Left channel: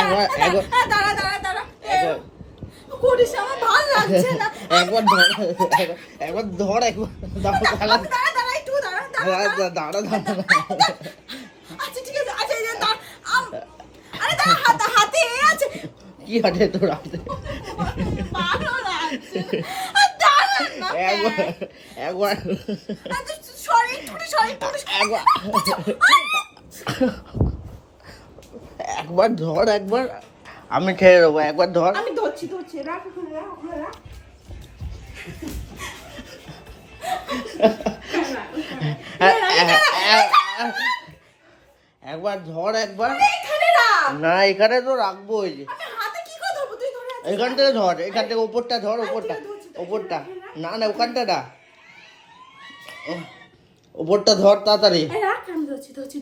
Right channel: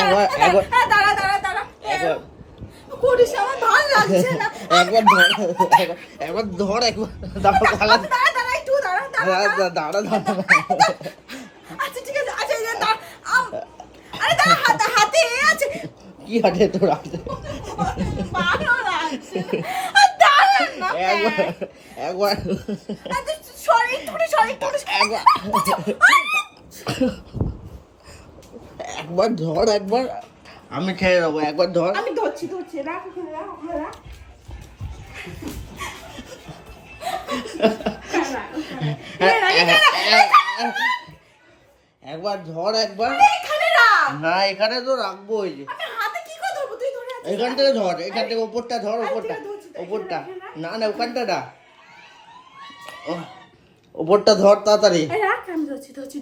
একবার একবার দাঁড়া দাঁড়া দাঁড়া করিস আমার ভালো লাগছে না। একবার ধর একবার ধর একবার দাঁড়া দাঁড়া দাঁড়া একটু দাঁড়া দাঁড়া দাঁড়া দাঁড়া আচ্ছা ঠিক আছে আচ্ছা এই যে দাঁড়া আরে দাঁড়া হাতে আছে কি হাতে তোর হাতে ভালো লাগছে দাঁড়া না একবার একবার সরি একবার একবার ধর একবার আমি খেয়ে দেবো একবার ধর আমি ধরছি রাখ একবার ধর একবার না এখানে তো রাখবো ওই যে এখান থেকে ধর এখান থেকে ওপরটা ধর ওপরটা না না ওখানটা না ওপরটা ধর তাড়াতাড়ি রাখ আমি ধরছি